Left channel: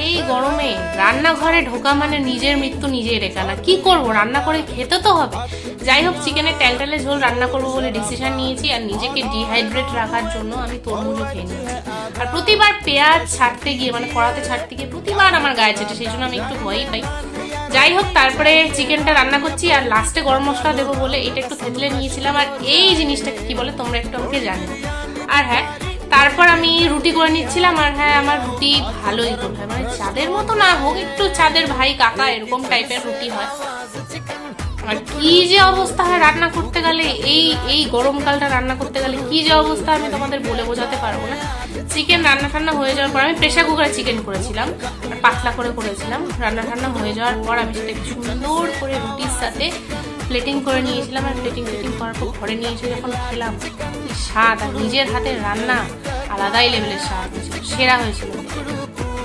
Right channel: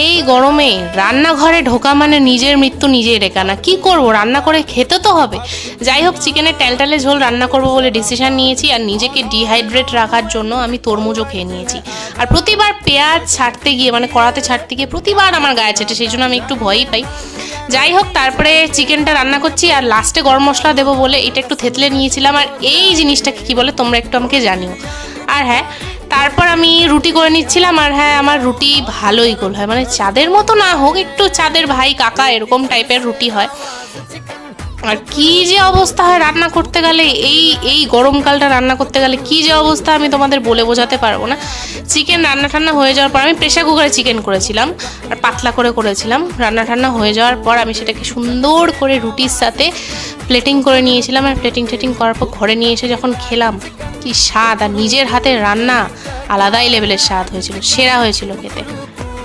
এই গরমে রান্নাঘরে ঢোকা মানে নিজের মৃত্যু নিজেই রেখা না। কি করব, রান্না করে খেতে তো হবে। যাই হোক, চিকেনের ট্যালটালে ঝোল রান্না করব বলে ডিসিশন নিয়েছি। আর নিজেকে ডিহাইড্রেট রাখার জন্য আমি তরমুজও খেয়ে নিয়েছি। আর প্রতিবার পেঁয়াজ ছাড়তে গিয়ে, মানে কড়াতে ছাড়তে গিয়ে প্রতিবার আমার গায়ে ছেটে, সেই জন্য আমি একটু ভয়ই পাই। যাই হোক, তারপরে চিকেনটা রান্না করছি আর লাস্টে গরম মশলা দেবো বলে এটা একটু থেতলে নিয়েছিলাম। আর এই জিনিসটাকে কি বলে তোমরা একটু আমাকে জানিও। আর হ্যাঁ, তারপর আমি রুটি করে নিচ্ছিলাম। আর হ্যাঁ, আমার রুটি ভালোই গোল হয়, মানে চাঁদের মতো না হোক, একটু চাঁদের ভাই কাকা এরকম টাইপের রুটি হয়। আর কি যে অবস্থা হয় রান্না করতে গেলে, এই গরমকালটা রান্না করতে গেলে কি যে অবস্থা আমি তোমাদের বলে বোঝাতে পারবো না। চিকেন রান্না ঠান্না হয়ে যাওয়ার পর, আমি প্রেশার কুকারে চিকেন করেছিলাম আর পাতলা করে করেছিলাম। রান্না ঠান্না হয়ে যাওয়ার পর আমি সেটাকে সুন্দর করে রুটির সাথে প্লেটিং করে নিয়েছিলাম। আর প্লেটিং করার পর ঘরে নিয়ে এসে যখন খেলাম, কি স্বাদ! আর নিজের হাতে রান্না আলাদাই লেভেলের স্বাদ হয়েছিল, সেরা হয়েছিল খেতে।